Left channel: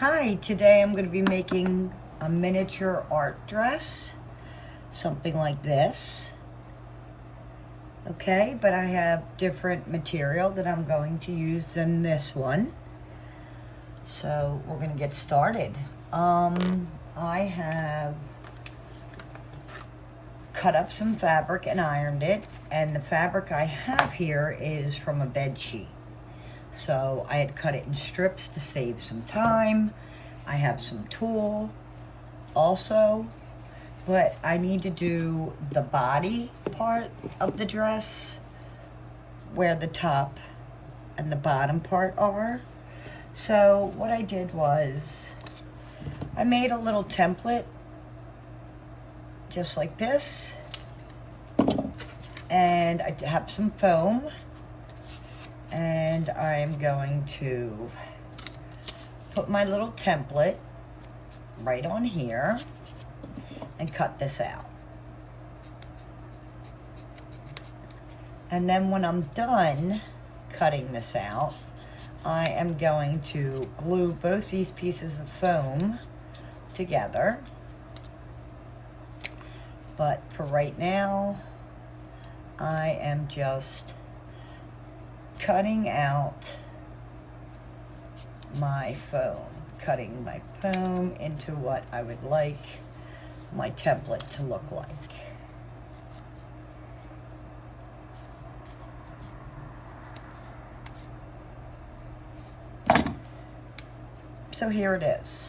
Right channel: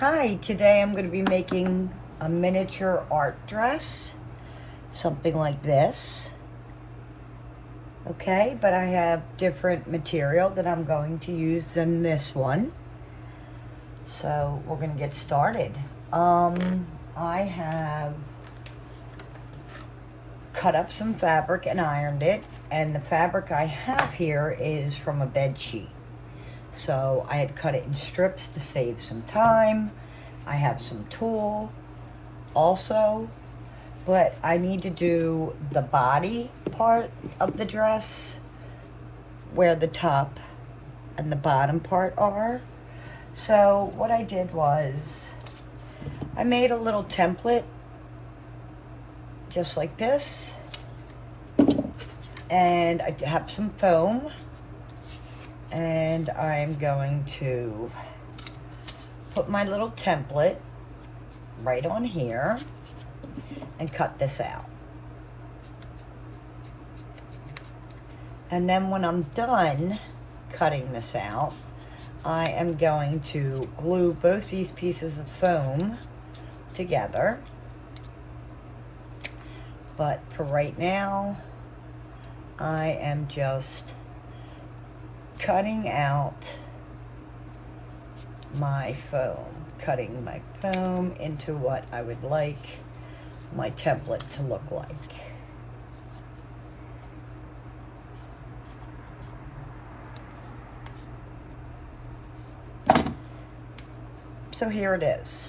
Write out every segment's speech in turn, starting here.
Hi, today I'm going to be making a miniature art dress, something like this. Okay, but I have different material that I'm going to use than this one. So we're going to get started. I have cut up some fabric and ironed it, and the fabric I have here is from a bed sheet. So I had cut it in strips to save some time. I have some tulle also, but I need to do the body part of the dress where the top and the bottom part are. So what I did was I made a little template just like this, and I have some foam, and I'm going to put my little template right on here and cut this out. And then when I'm done cutting this out, I am going to glue both these pieces of foam together. But for right now, I am just cutting out my foam, cutting my foam into what I would like my template to look like. So here it is.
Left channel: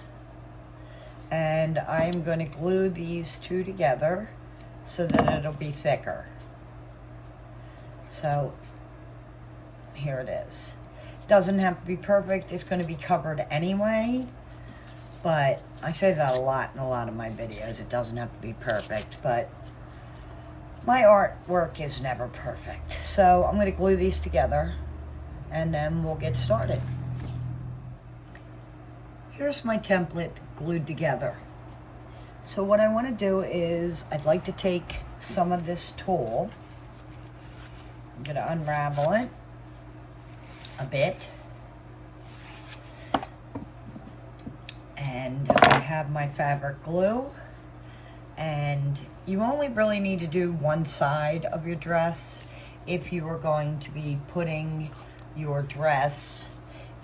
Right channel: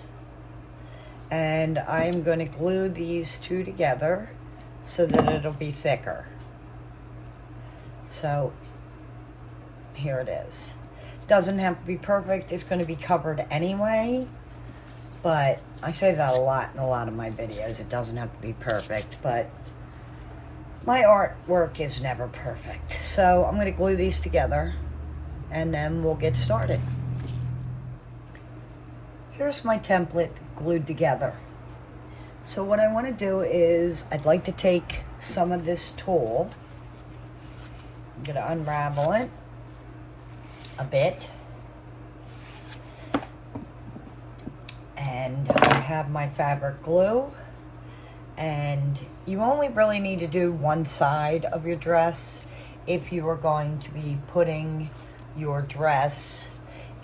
And I'm going to glue these two together so that it'll be thicker. So here it is. Doesn't have to be perfect. It's going to be covered anyway, but I say that a lot in a lot of my videos. It doesn't have to be perfect, but my artwork is never perfect. So I'm going to glue these together and then we'll get started. Here's my template glued together. So what I want to do is I'd like to take some of this tulle. I'm going to unravel it a bit, and I have my fabric glue, and you only really need to do one side of your dress if you are going to be putting your dress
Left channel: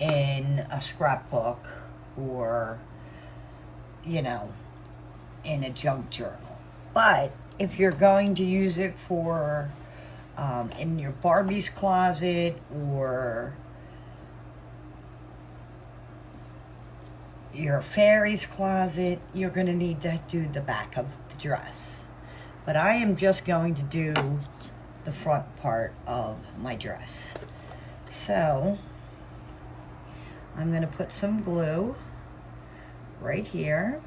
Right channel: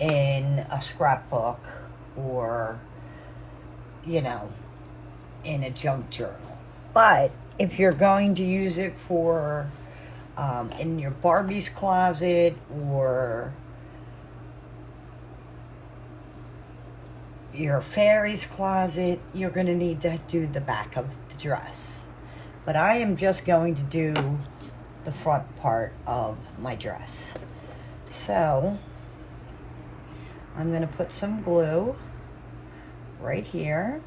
in a scrapbook or, you know, in a junk journal. But if you're going to use it for in your Barbie's closet or your fairy's closet, you're going to need to do the back of the dress. But I am just going to do the front part of my dress. So I'm going to put some glue right here.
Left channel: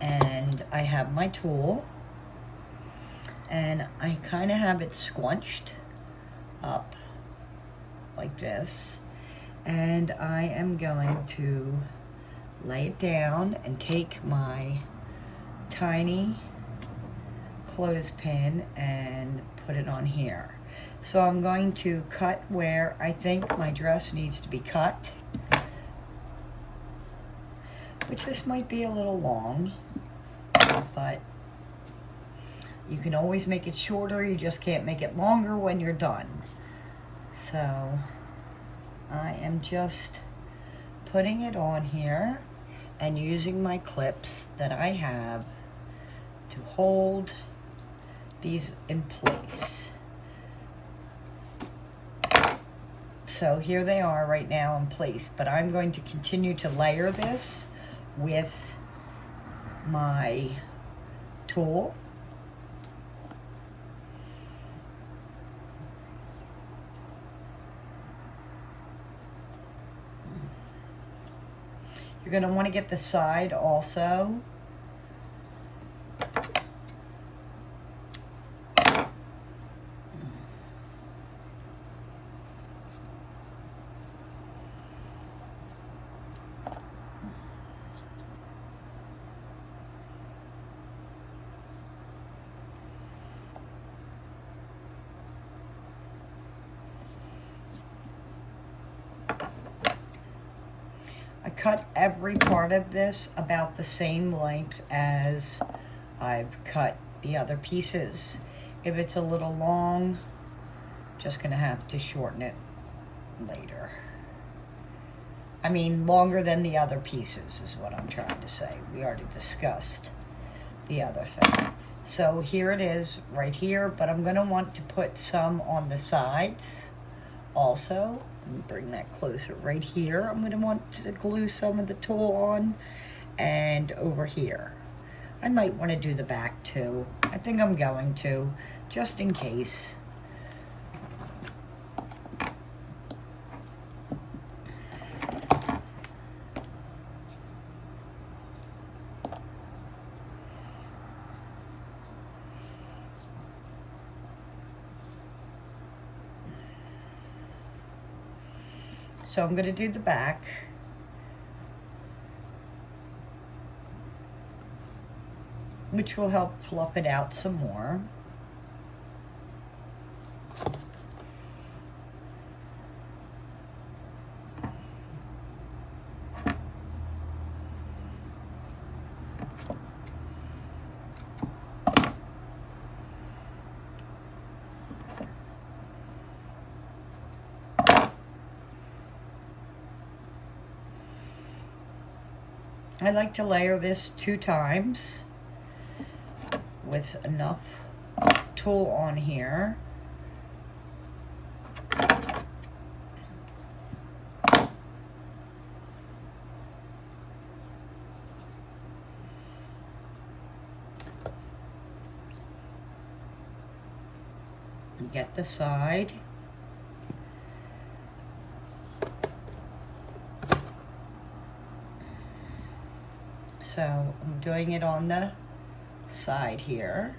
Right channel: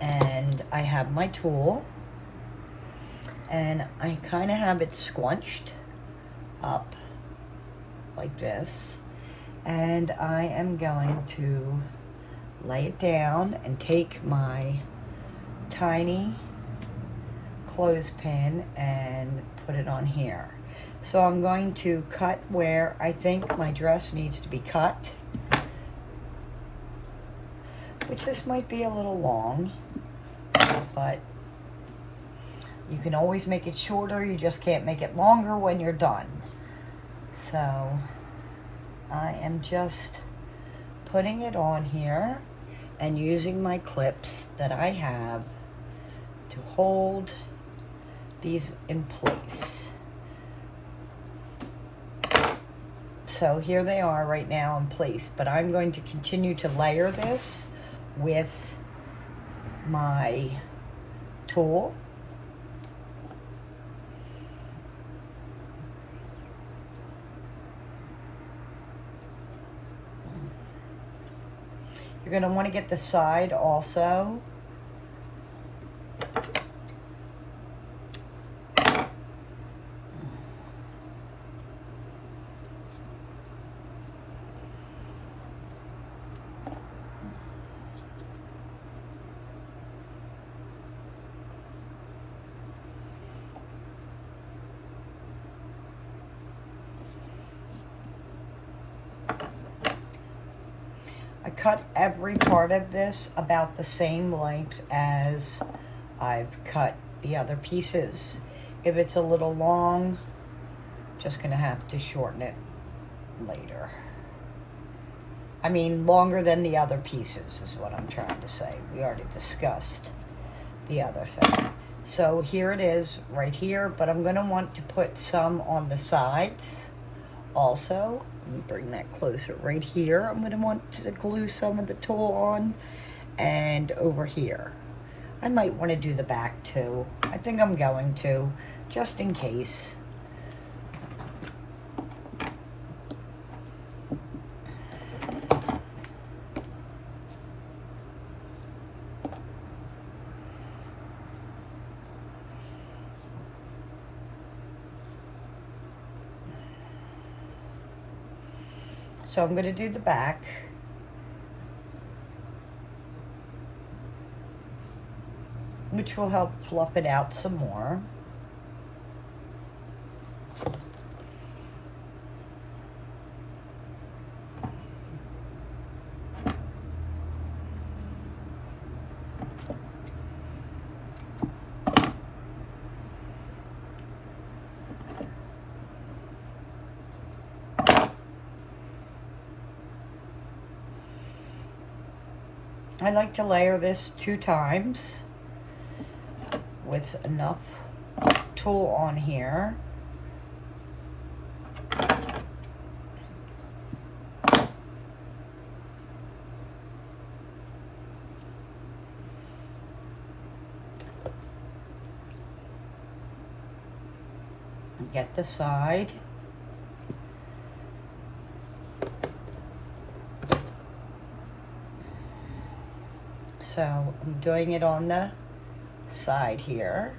And I have my tulle, and I kind of have it squunched up like this, and I am going to lay it down and take my tiny clothespin and put it on here. So I'm going to cut where I think my dress needs to be cut, which this might be a little long, but you can always make it shorter. You just can't make it longer when you're done. So I am just putting it on here and using my clips that I have to hold these in place. So here they are right now in place, but I'm going to continue to layer this with my tulle. You're going to want to get the side also. cut every part of this about the same length as I've cut the other pieces. If it's a little long, just gonna have to shorten it later. I mean, longer than the other pieces is what I'm trying to say. We already discussed the other thing. So here it is right here, but I'm gonna want to put some on the sides also. Let me bring that closer. Right here, I'm gonna want to glue some of the tulle on, and over here. I might want to do the back too. I think I'm going to, just in case. So I'm going to do the back. Which will help fluff it out some more. I like to layer this 2 times with enough tulle on here. Get the side. So I'm doing it on the side here.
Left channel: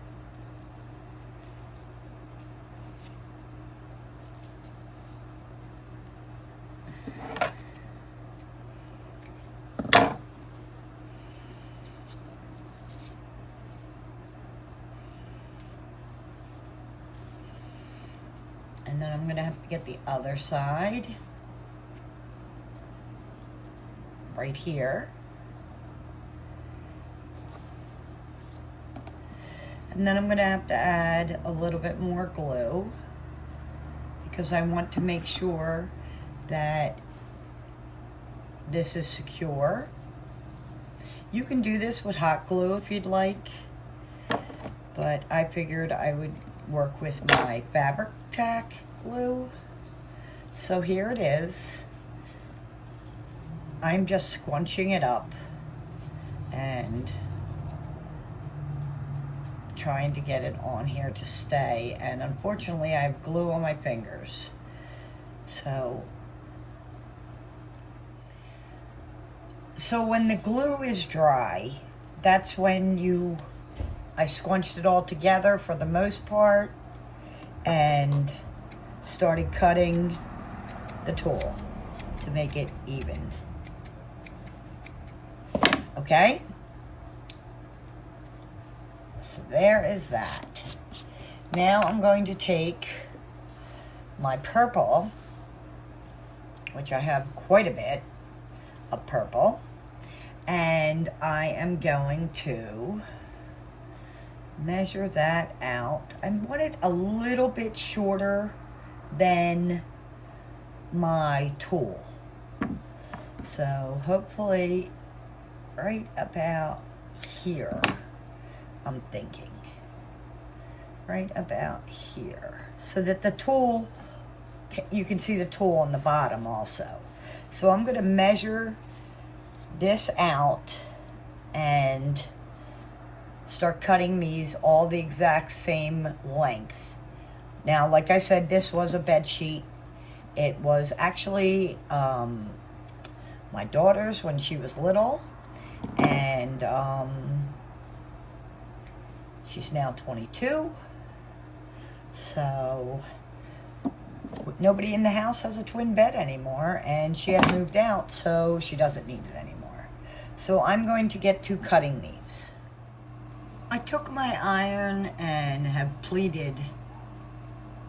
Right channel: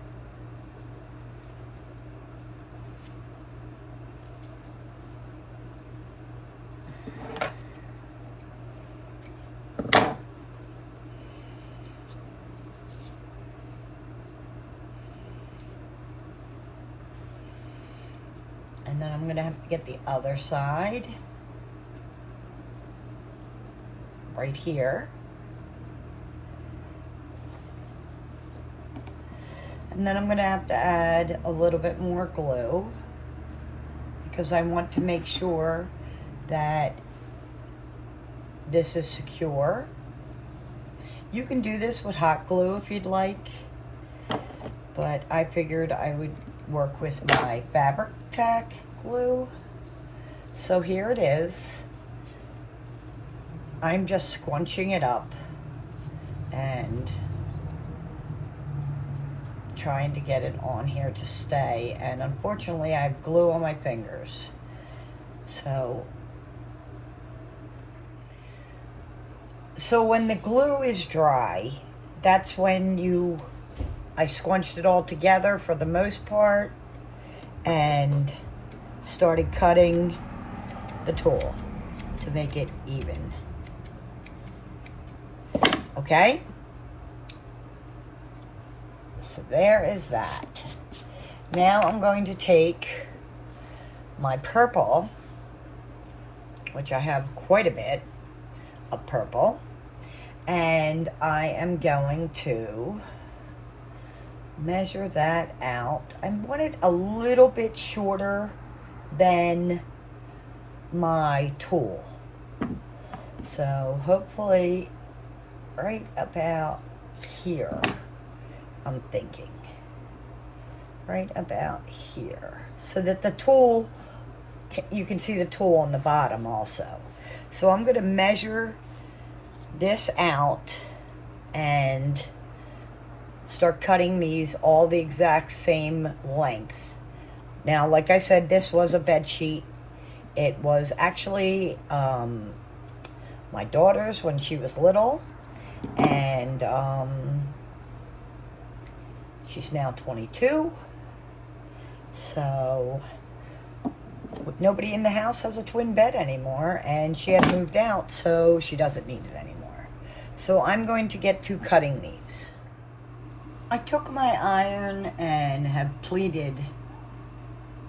And then I'm gonna have to get the other side right here. And then I'm gonna have to add a little bit more glue because I want to make sure that this is secure. You can do this with hot glue if you'd like, but I figured I would work with my fabric tack glue. So here it is. I'm just squunching it up and trying to get it on here to stay, and unfortunately I have glue on my fingers. So when the glue is dry, that's when I scrunched it all together for the most part and started cutting the tulle to make it even. Okay? So there is that. Now I'm going to take my purple, which I have quite a bit of purple, and I am going to measure that out. I want it a little bit shorter than my tulle. So hopefully right about here. I'm thinking right about here, so that the tulle, you can see the tulle on the bottom also. So I'm going to measure this out and start cutting these all the exact same length. Now, like I said, this was a bed sheet. It was actually my daughter's when she was little, and she's now 22, so nobody in the house has a twin bed anymore, and she has moved out, so she doesn't need it anymore. So I'm going to get to cutting these. I took my iron and have pleated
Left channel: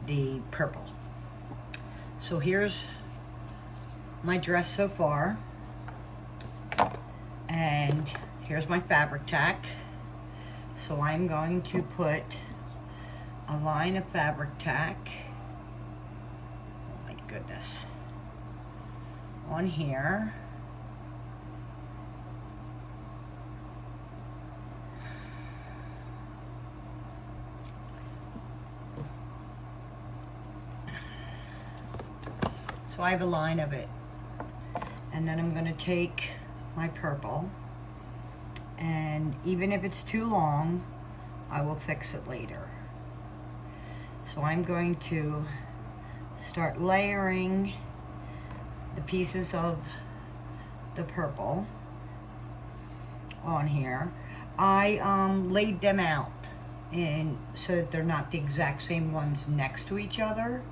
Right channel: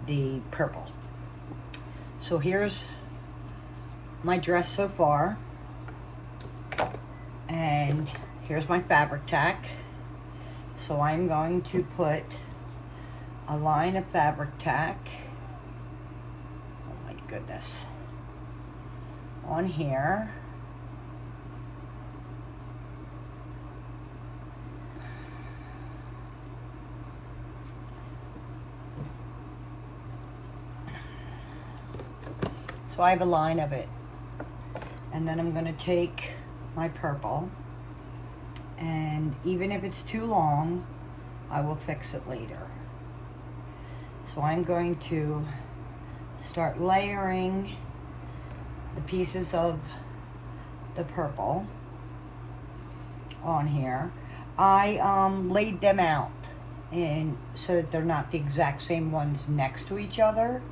the purple. So here's my dress so far. And here's my fabric tack. So I'm going to put a line of fabric tack, oh my goodness, on here. So I have a line of it. And then I'm going to take my purple, and even if it's too long, I will fix it later. So I'm going to start layering the pieces of the purple on here. I laid them out so that they're not the exact same ones next to each other.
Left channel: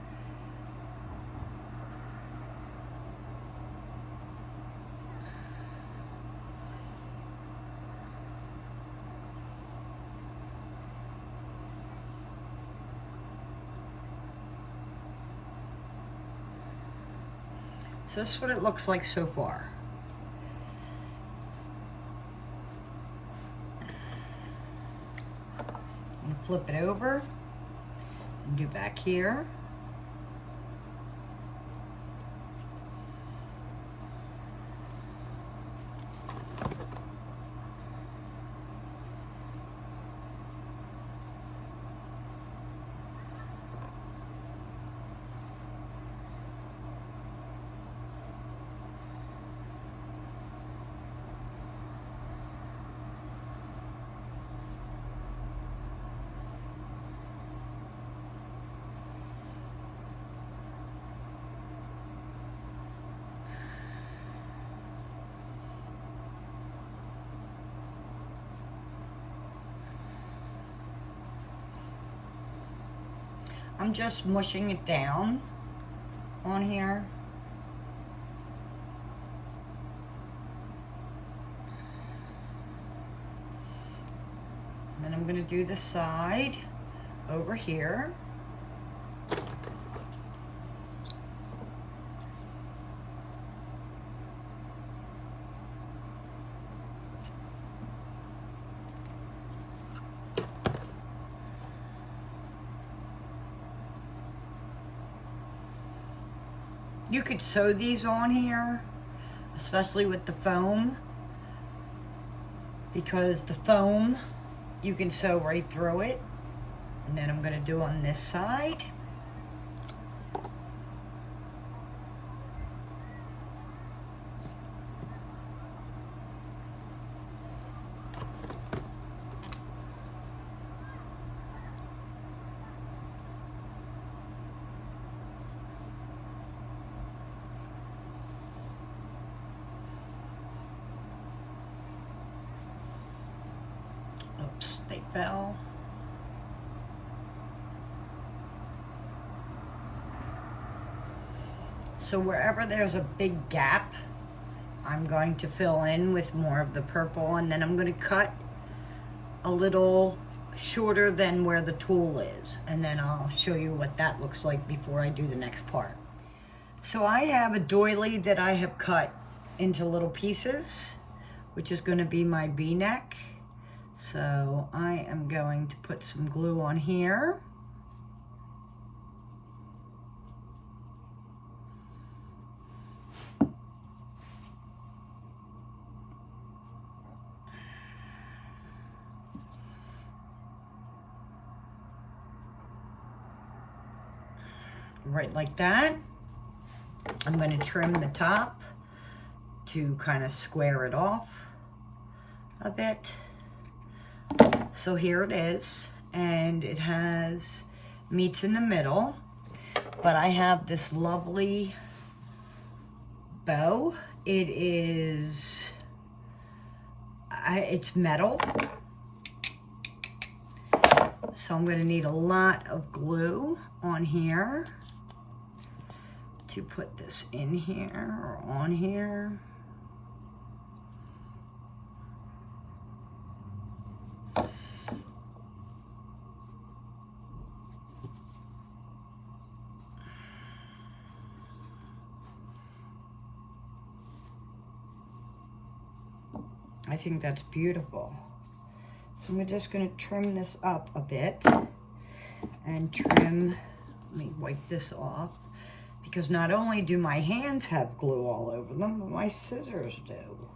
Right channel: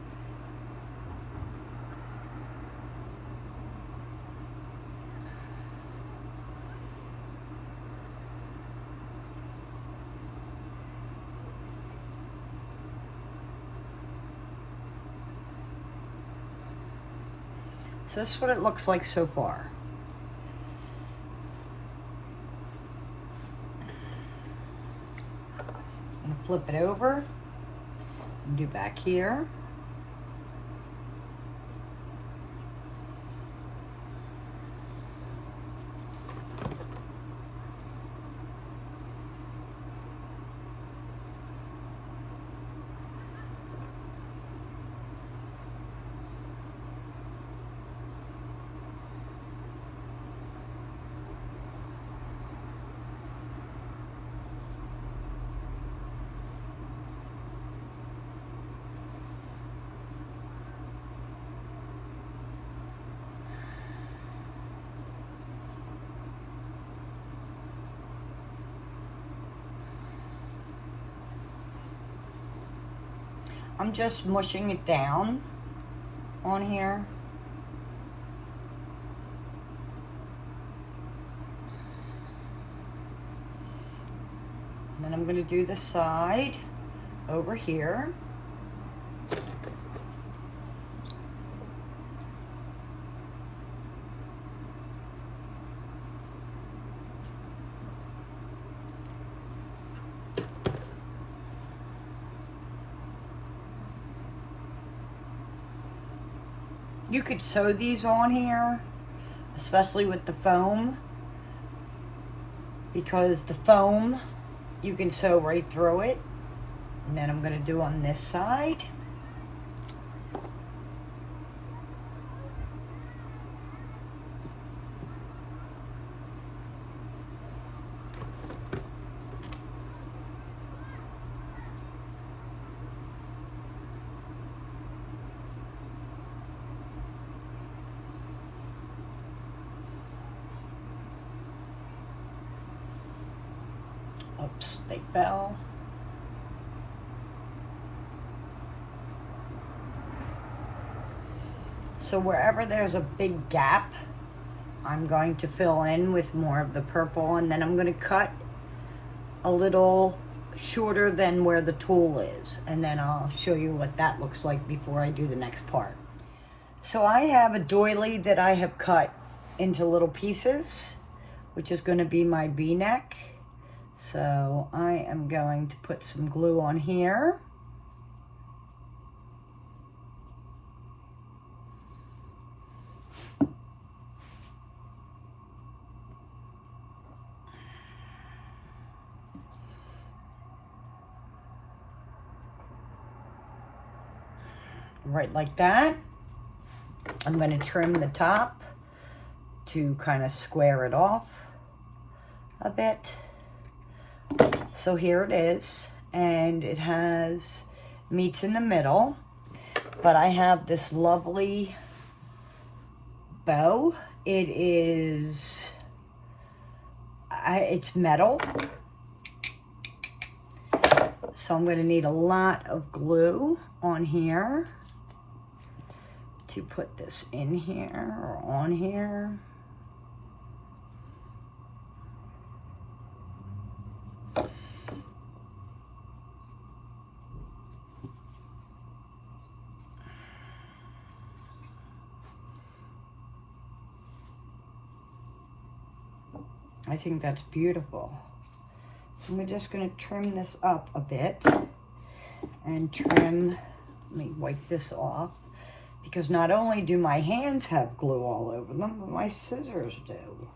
So this is what it looks like so far. I'm going to flip it over and do back here. I'm just mushing it down on here. And then I'm going to do the side over here. You could sew these on here, especially with the foam, because the foam, you can sew right through it. And then I'm going to do on this side. Oops, they fell. So wherever there's a big gap, I'm going to fill in with more of the purple, and then I'm going to cut a little shorter than where the tulle is, and then I'll show you what that looks like before I do the next part. So I have a doily that I have cut into little pieces, which is going to be my V-neck. So I am going to put some glue on here. Right like that. I'm going to trim the top to kind of square it off a bit. So here it is, and it has meets in the middle, but I have this lovely bow. It is, it's metal, so I'm going to need a lot of glue on here to put this in here or on here. I think that's beautiful. So we're just going to trim this up a bit and trim. Let me wipe this off, because not only do my hands have glue all over them, but my scissors do.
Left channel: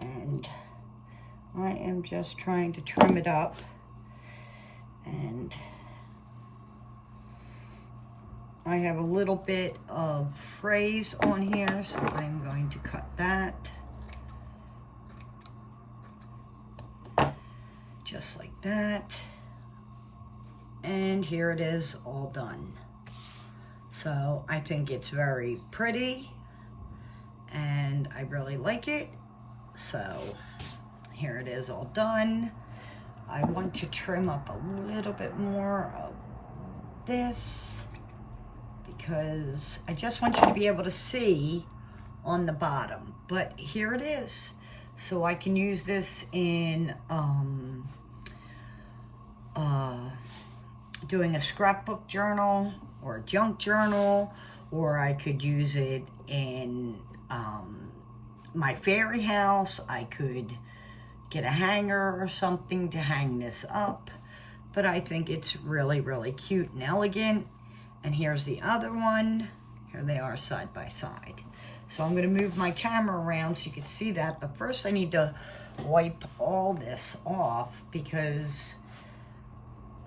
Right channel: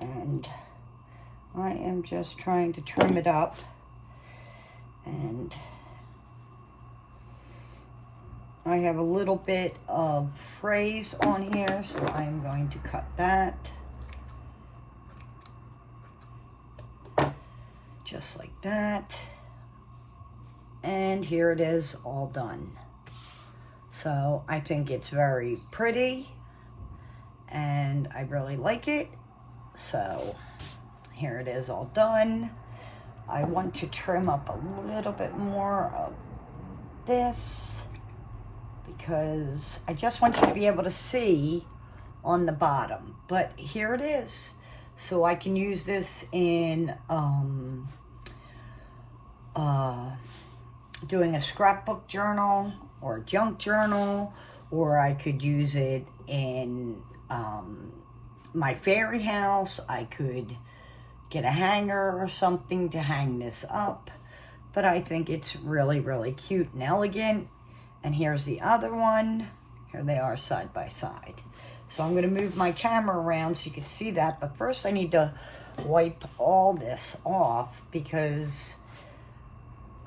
And I am just trying to trim it up, and I have a little bit of frays on here, so I'm going to cut that. Just like that. And here it is, all done. So I think it's very pretty, and I really like it. So here it is, all done. I want to trim up a little bit more of this, because I just want you to be able to see on the bottom. But here it is. So I can use this in doing a scrapbook journal or a junk journal, or I could use it in my fairy house. I could get a hanger or something to hang this up, but I think it's really, really cute and elegant. And here's the other one. Here they are side by side. So I'm going to move my camera around so you can see that, but first I need to wipe all this off, because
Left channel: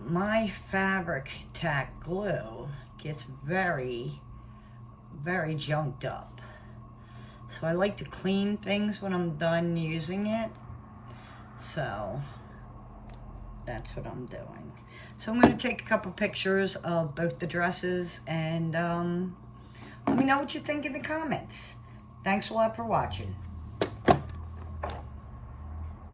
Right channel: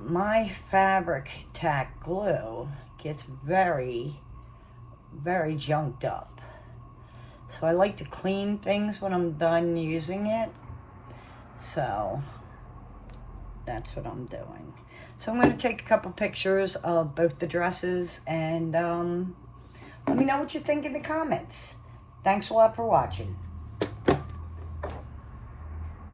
my fabric tack glue gets very, very junked up. So I like to clean things when I'm done using it. So that's what I'm doing. So I'm going to take a couple pictures of both the dresses, and let me know what you think in the comments. Thanks a lot for watching.